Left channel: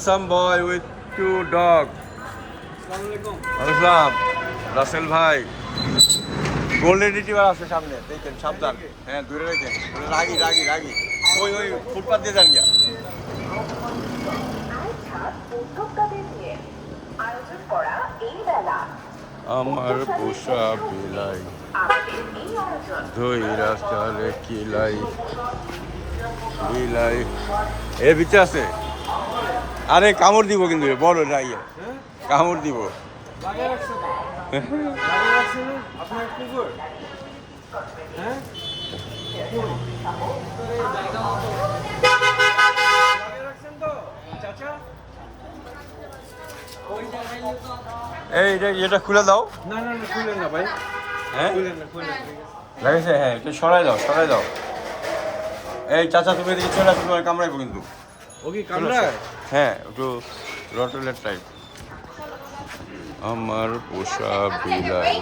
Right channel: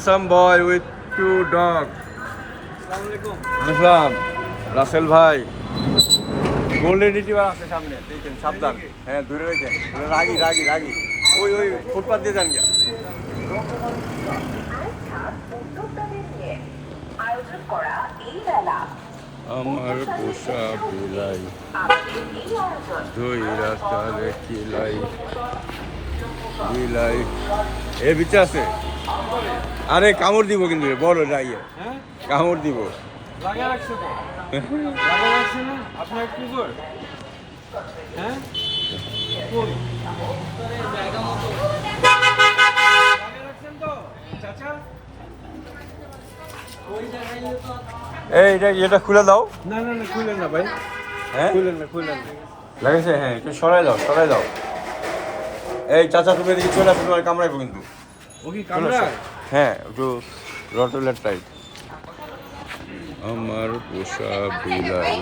Some boy with two dogs. আসসালাম রাসেল ভাই golden retriever আছে সামনে দেখেন সাবধান হ্যাঁ দূরে রেখেন রাগি রাগি রাগি ওই ওই ফুটপাত দিয়ে যান গিয়া আমার পোষা বিলাই ধইরা চালে কিলাই বিলাই এর ভিতরে আছে আরে কামড় দিব কিন্তু বড় রাইয়ে কামড় দিব লাগিয়ে রাখছে তো লাগিয়ে রাখছে না আপনার কুকুর হ্যাঁ কোন জায়গা মতো লাগিয়ে রাখছেন তো চাচা ওই জায়গায় তো এই এটা খুলে দাও না না না খুলে না ভাই হ্যাঁ খুলে না লাগাইছে হ্যাঁ এটা সরাই দাও এই চাচা তুমি এদিকে চলে আসো তোমার কামড়াইবো কিন্তু ও কি কামড়ায় হ্যাঁ একটু রটলের টাইপ আমার পোষা বিলাই